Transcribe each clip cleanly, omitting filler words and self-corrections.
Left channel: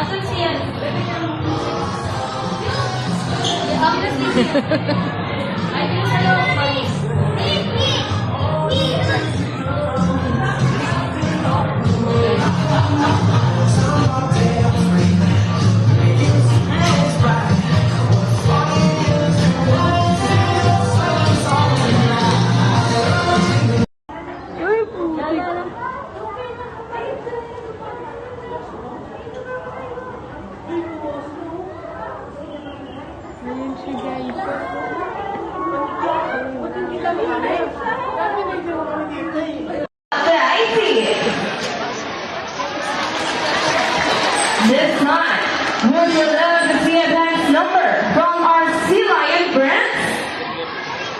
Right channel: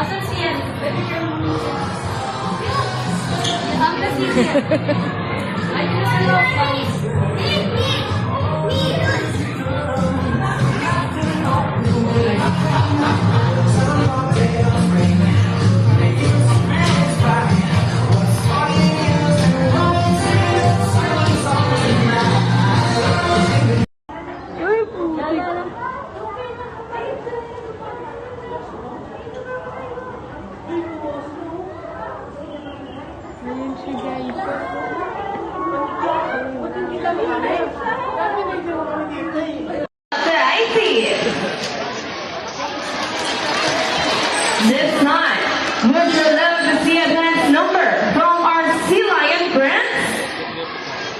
Asan siya? Ay, hello. Ayun siya guys. This month, would you love to see a dance number from our Sea Lion friends?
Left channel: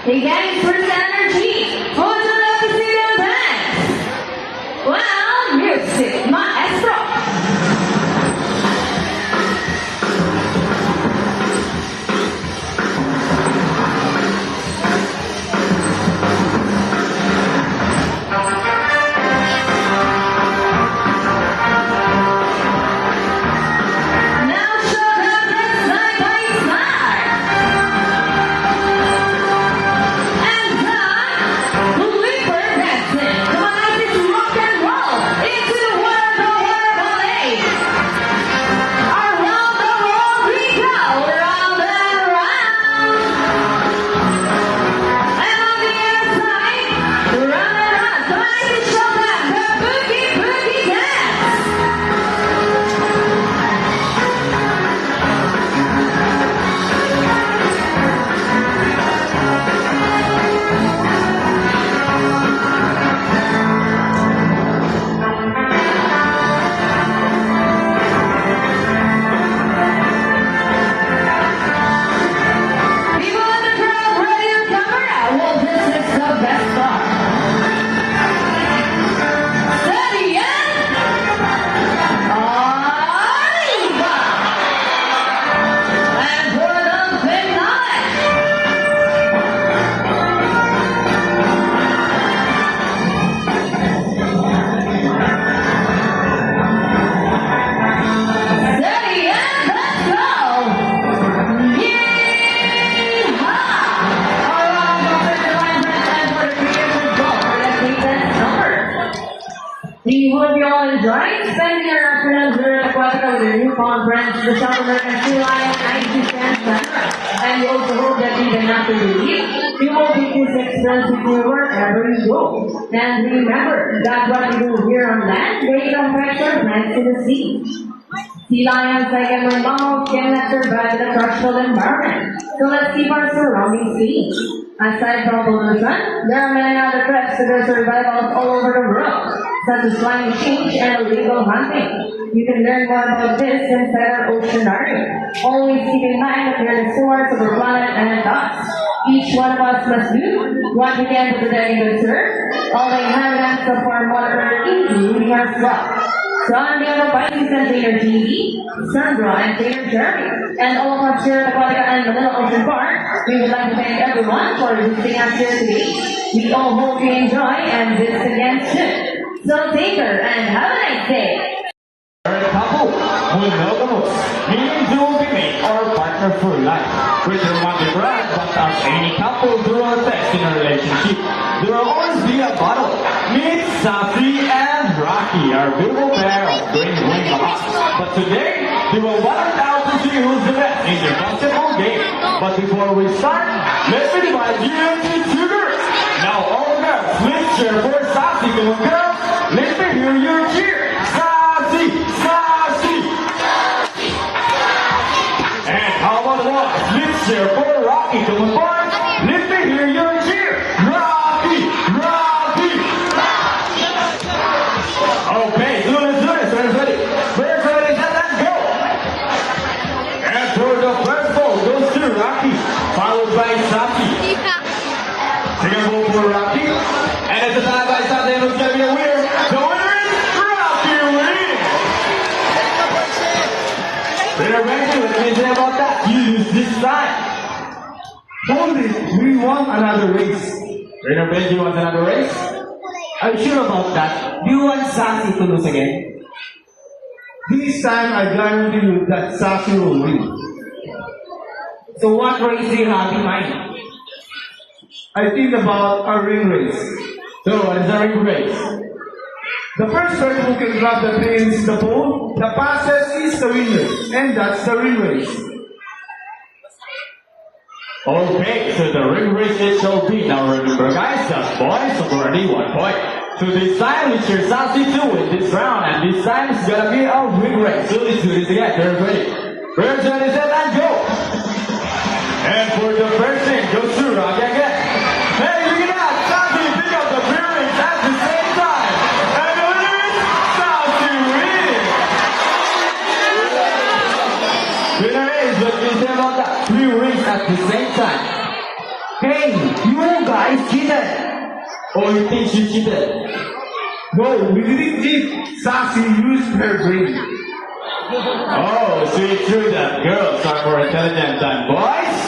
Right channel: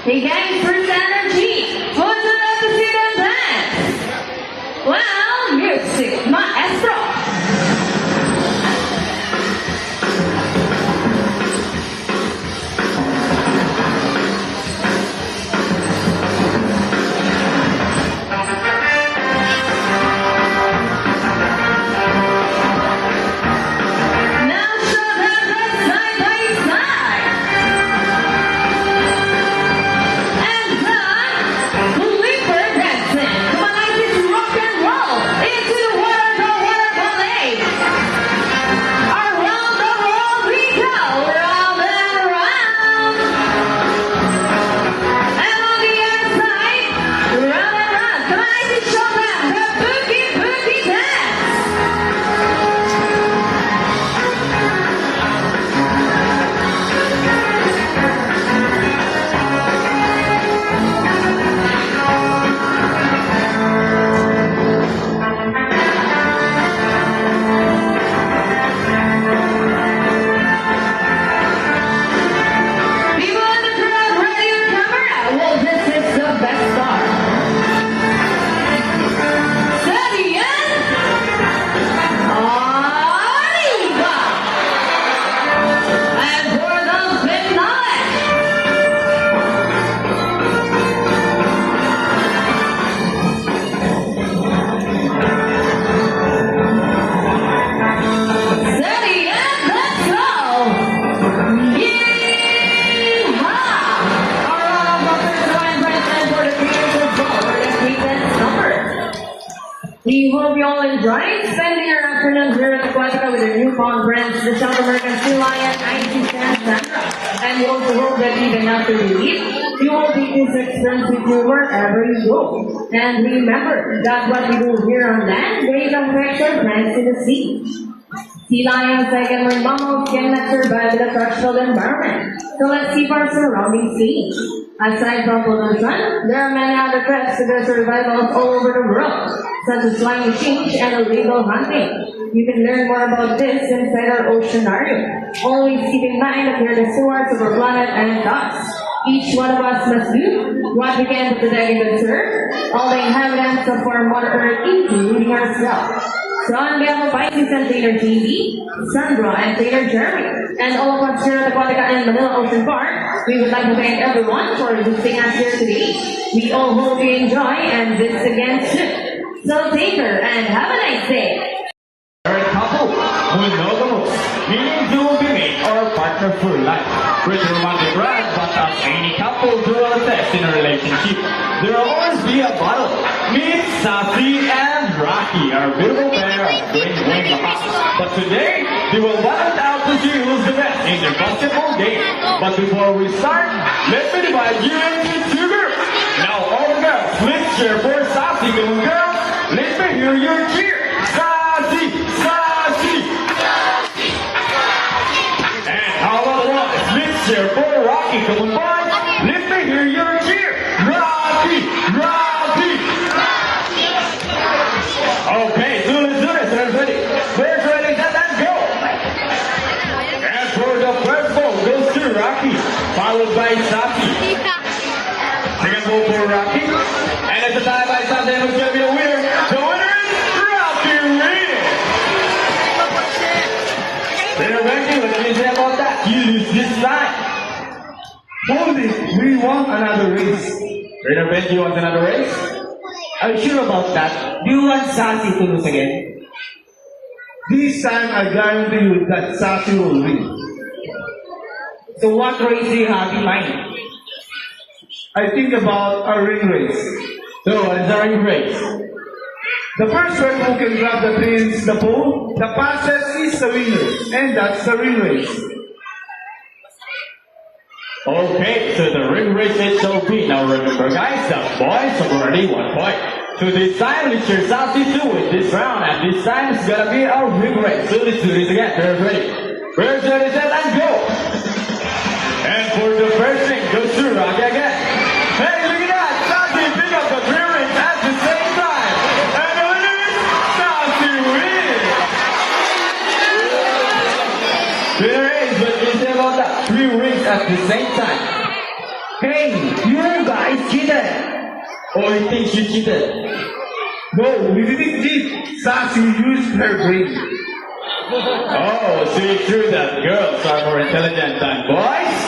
Again, through energy. Would you love to see them dance? Well, music, maestro. Now show them this night smile. And the Leaper dancing. Come on, it's rock and roll into the world ballet. Around the world we go, round and round. And on the other side, round and round. Come on, it's show them the boogie dance. People in the crowd, ready to camera. Well, this is the best part. Steady, yeah? Arriba! And for the finale. Steady, yeah? Let's go! Do you hope you all enjoyed spending your afternoons here at Aquatica with your newfound friends, the South American Sea Lion and Sea Santa? And we also hope that even after you leave, you will keep this experience with you wherever you go. And remember that what we do here on land, they don't pressure thanks to the sea. Sea lions, like everyone knows, cannot survive in a crushful environment. So let's keep our surroundings clean. Aside from pollution, there are many other threats to their survival all over the world, such as climate change and illegal hunting. You can learn more about this inside our oceanarium. Always keep in mind that we are the stewards of our planet and thus, each one of us must do what we can to protect and serve all the inhabitants of our Mother Earth, including ourselves. So on behalf of Pisces and Taylor TV, Sandra and Taylor Jeremy, and all of us here at Aquatica and the Little Ocean Park, we would like to thank everyone for visiting us here today. We all hope you enjoy and visit again soon. So take care and have a nice day. Married couple with monogamous, meaning you will be made or partner for life. Which will not be brand, but as any couple do our best in a relationship, there will always be a battle. Meet Safi and Rocky, our beautiful pair of green rocks. But today, they will battle out to see who's the best in the basketball game. But before we start, let me divide you into two groups. Now all girls, please cheer for Safi. Come on girls, let me hear your cheer. Safi, Safi. And how about boys, let's cheer for Rocky. Come on boys, let me hear your cheer. Rocky, Rocky. Okay, do it, who's ready? Who's ready, let's go. And for the first goal goes to Rocky, followed by Safi. Second goal for Rocky. And at the side by side, they will give you a winner. The winner is Rocky wins. They're ready. What can you say about that? You lose this time. Hold it, we want another race. Trainer Benji wants another race? Are you sure about that? Do you want Sassy to lose again? This time I guarantee you that Sassy will win. So what race do you have in mind? I think about a ring race. So what's the ring race? The first one who can grab the pins the pole, the fastest is the winner, and that's the ring race. Okay, so the ring race is so be. Now remember guys, the boys have already 1 point. So this time we choose Sassy to win this round, and this time it's gonna be a ring race. So let's do this again. Turn ready. First, ready, set, and go! And for the first thing, goes to Rocky again. Hey, look at that! Sassy pick up the ring race at the same time. And the winner is Sassy wins! Winner is, what can you say about that? 3 rings at the same time. Hey, you guys cheated! Oh, he thinks you cheated. No, we didn't cheat. Sassy used her brain. Oh, so it's true that girls are more intelligent than boys?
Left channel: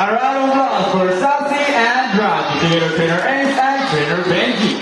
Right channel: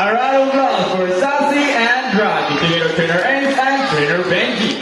A round of applause for Sassy and Rocky, together trainer Ace and trainer Benji.